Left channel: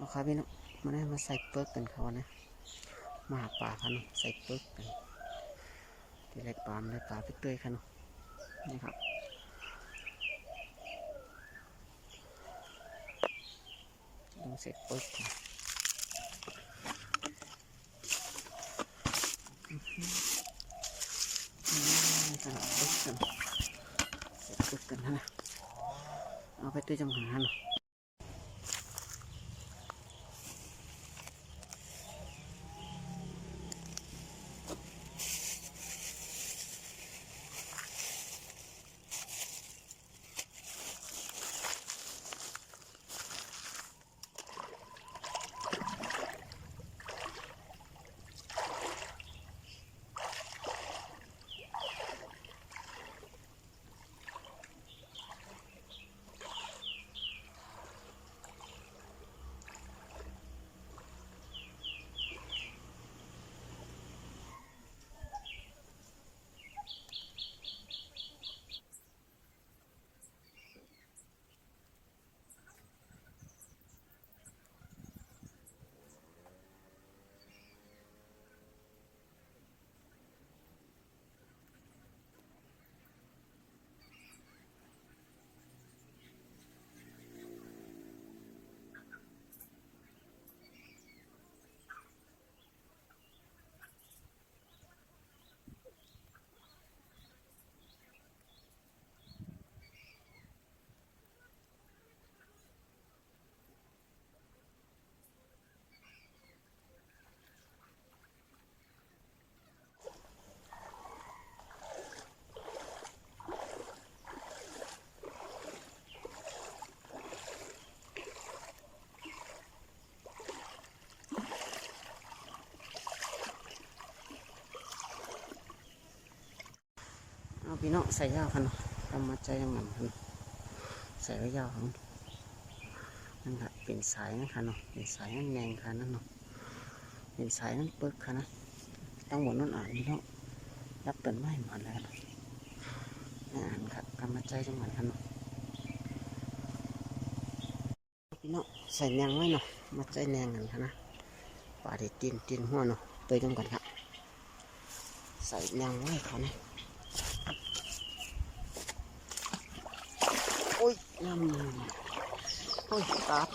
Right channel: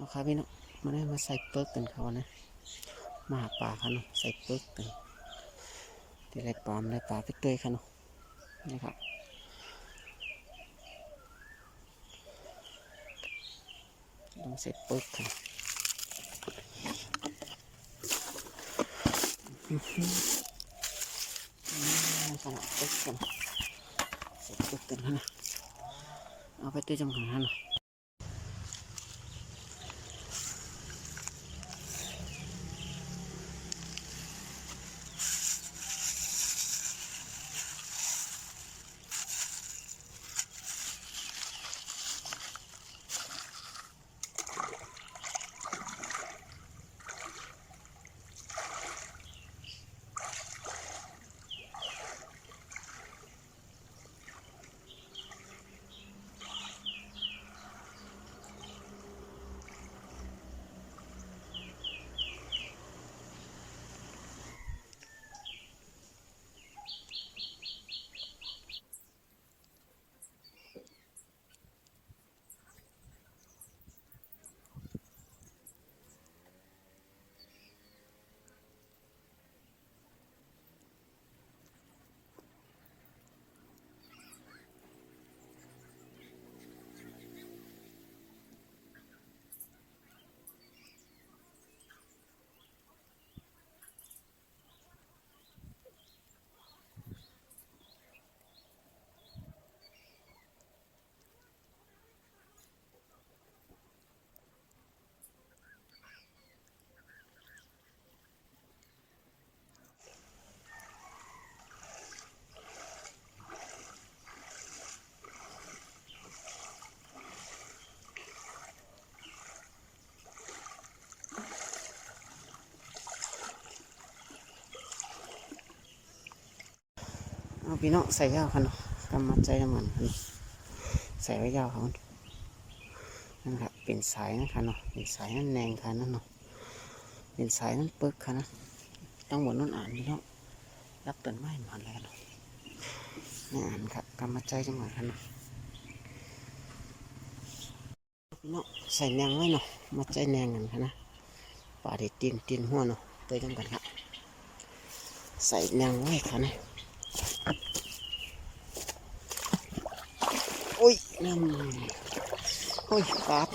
เอาครับพี่น้องมาได้มาใส่เปิร์กกันเขานะมาหาปลาเขาเนาะใส่เปิร์กกันที่ไรปลาเลยปลาไปเตยเขาเนาะนี่ครับต้องใส่เปิร์กกันขนาดเปิร์กกันใส่เปิร์กกันนะเอาไปเตยจำขันเนาะเอาพี่น้องใส่ยาวค่ะเนาะกำมัดใจน้ำมันใส่ไว้ยาวเขานั่นครับเป็นสายนะคะเนาะเป็นสายนั่นแนงค่ะนั่นเนาะเป็นสายนั่นเปิกค่ะนะตั้งบนนั่นอ่านพี่น้องรับต้นไม้หมดแล้วเนาะนี่อ่านครับกำมัดใจจังหวะค่ะเนาะพี่น้องใส่แนงไว้เนาะมัดใจแนงกันค่ะนะป่าเด็ดตีนหัวเนาะเตยจังกันครับใส่แนงไว้ค่ะนะโอ้ยน้ำโอ้ยปาด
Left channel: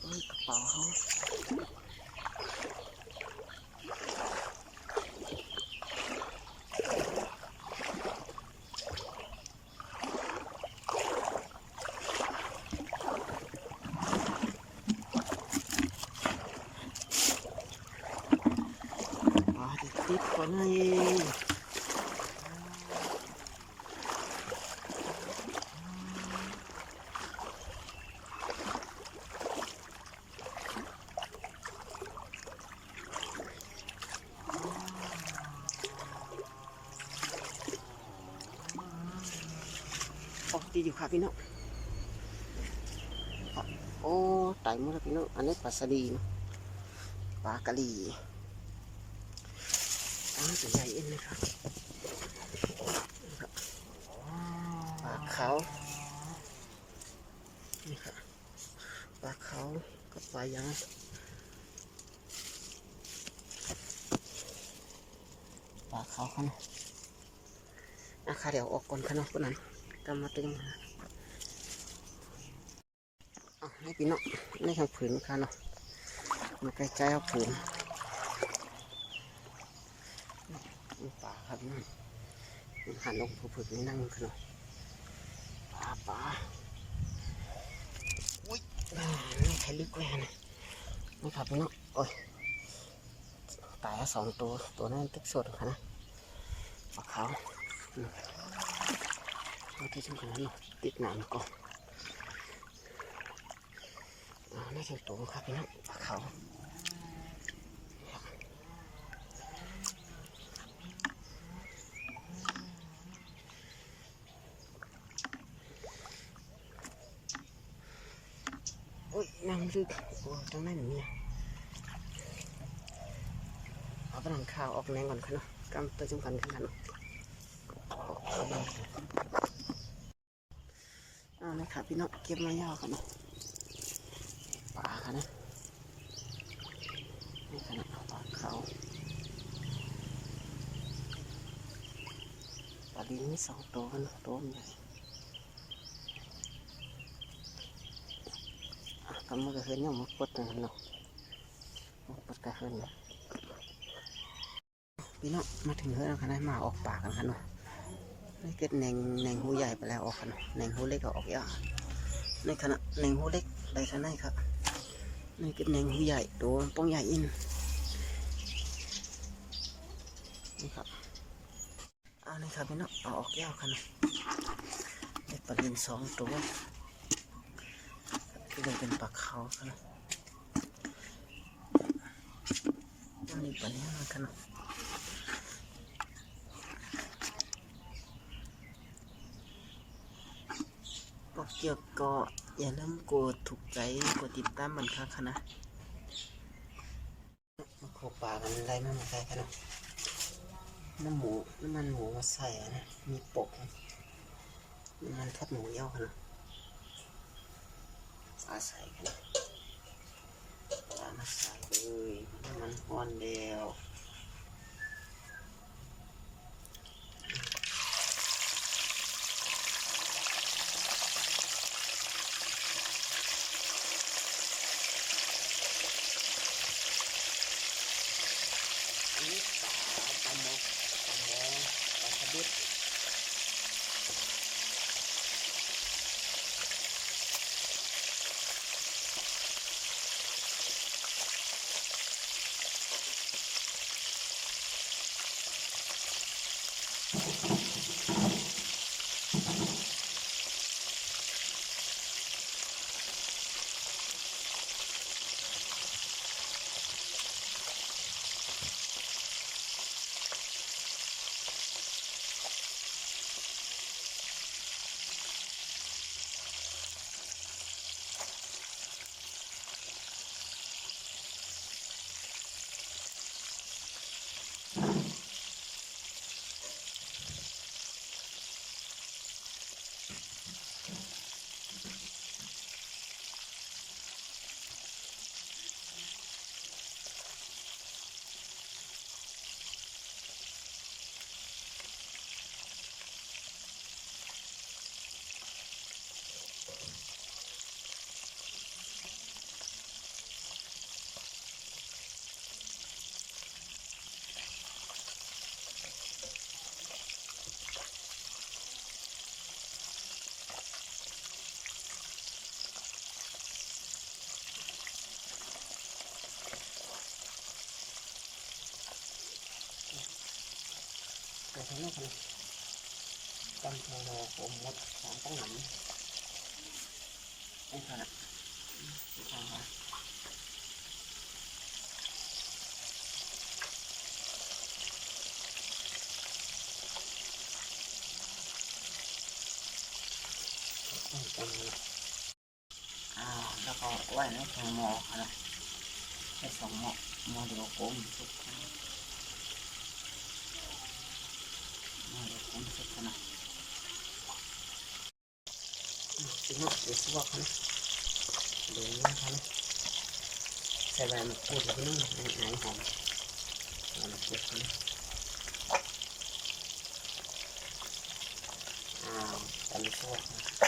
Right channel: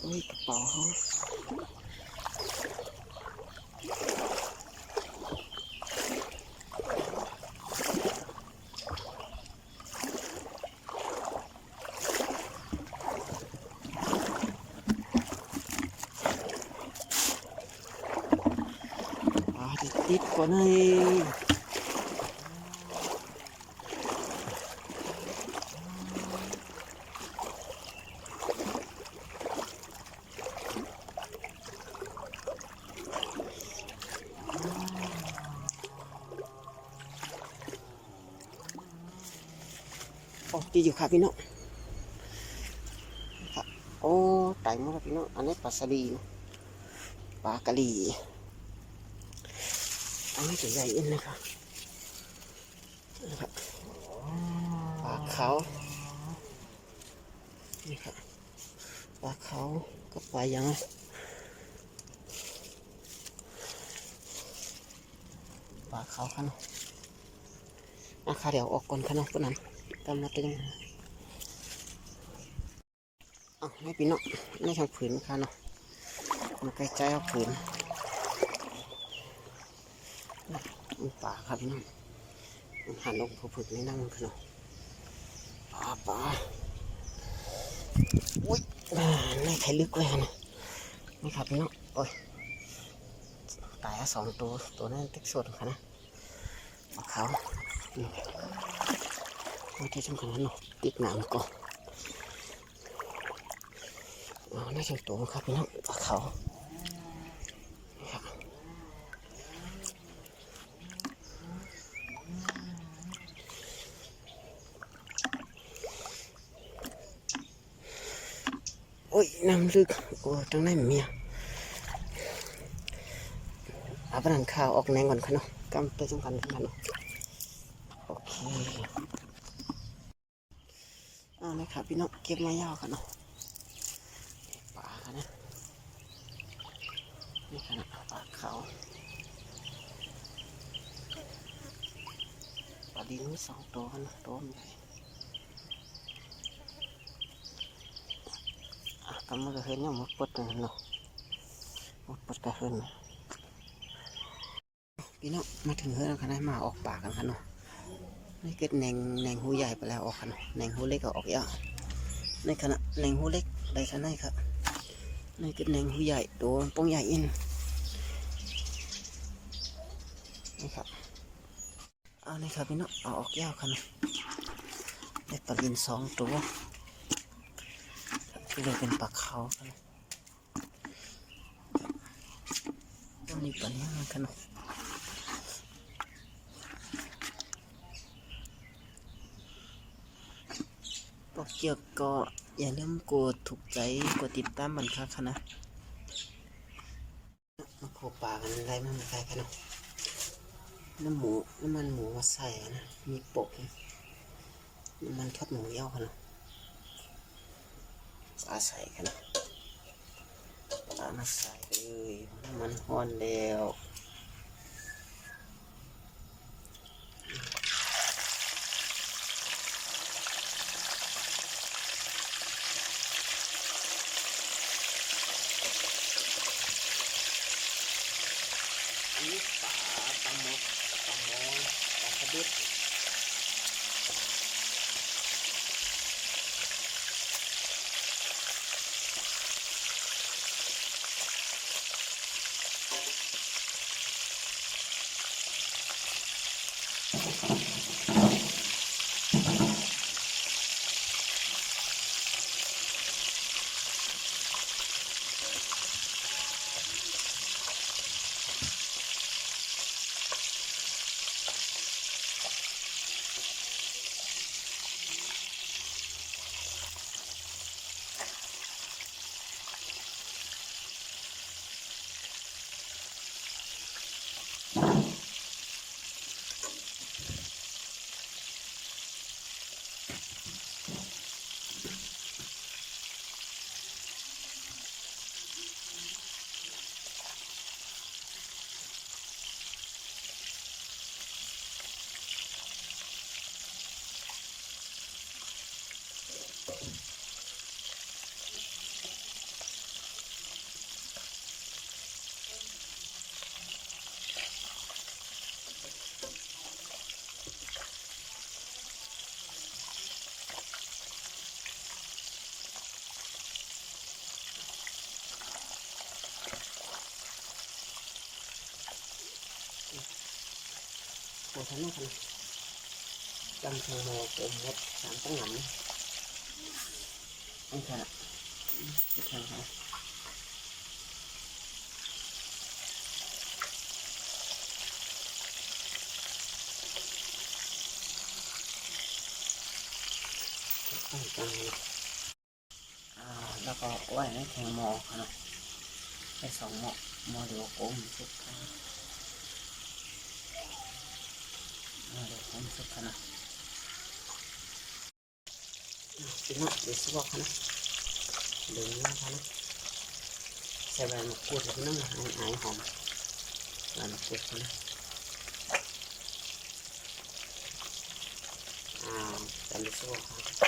โอ้ยกระเป๋าเขาปาดติดก่อนเลยโอ้ดีอยู่ค่ะพี่น้องโอ้ไต่หมดแล้วพี่น้องอันนี้ปลาสลีเนาะปลากะหรี่อันนี้ตัวใหญ่เอ็นนะครับปลาขาวนี่ครับปลาขาวก็ปลาอย่างปลาขาวค่ะเนาะนะคะเดี๋ยวออกก่อนค่ะเนาะพวกนั้นกำมาตึงอ๋อให้พี่น้องนี่ทางผืนค่ะเนาะมาใกล้ใจเอาผืนมันป่าครับพี่น้องมันหันลงผูผึกนี่นั่งค่ะเนาะป่าอุ้ยนี่ใครลึกเลยนะนี่ครับพี่น้องโอ้ยตายสองตัวนั้นเต็กสดค่ะนะปลาขาวเอาที่สำคัญนั้นเนาะติดหนามก่อนนี่จังตัวครับพี่น้องปลาขาวโอ้ยน้ำลึกโอ้ตั้งได้เมียอาบน้ำข้าวออกแนงก่อนค่ะเนาะกำตัวสำคัญค่ะเนาะเอาเลยครับพี่น้องเก็บมายาวค่ะเนาะป ลินมีสองตัวนะตัวมันใหญ่ก็มันก็เห็นอย่างมดปดนะเนาะมดปดก็เห็นพี่น้องมาถึงเฮือนแล้วค่ะได้มาออกปากกันค่ะเนาะนี่เกิดแหน่งหูใหญ่ไปแล้วออกค่ะเนาะแหน่งหูเล็กก็ออกเยอะในขณะแหน่งหูเล็กได้ท่าไหนครับนี่เกิดแหน่งหูใหญ่ตัวป้องใหญ่อินนี่ครับเอานี่ครับพี่น้องเอาออกยาวค่ะเนาะได้ปลาลินสองตัวที่เลยเป็นปลาเขาค่ะเนาะอันนี้ปลาเนี้ยค่ะเนาะบอกเกี่ยวก็อย่าลืมกดถูกใจกดติดตามมันค่ะนะมาโคปลากันไรมันใส่ค่ะเนาะน้ำมันหมูมาใส่นะมีปกน้ำมันทอดหมูย่อค่ะเนาะปลาใส่ค่ะเนาะปลามาใส่เลยน้ำมันฮ้อนแล้วอันนี้ปลาหมกปลาสลิดตัวทั้งนั้นค่ะจำทางโมผมมดสามตั้งหนำนี่ค่ะนี่ค่ะต้องจำแล้วก็ไหวในแทงโมค่ะเนาะได้สองโมเดียวกลมสุกค่ะโมเดียวกลมสุกค่ะเนาะพี่น้องเดี๋ยวสิบอกค่ะนะเดี๋ยวนี้ค่ะนะใส่ใบมะกรูดพี่น้องนะหอมใบมะกรูดนะตามด้วยซอสค่ะ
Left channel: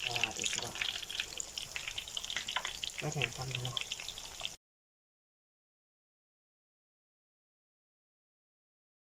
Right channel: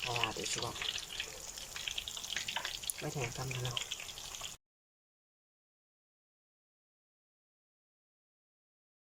เพราะว่าเดี๋ยวสิบอกไม่แทงทำนะเนาะ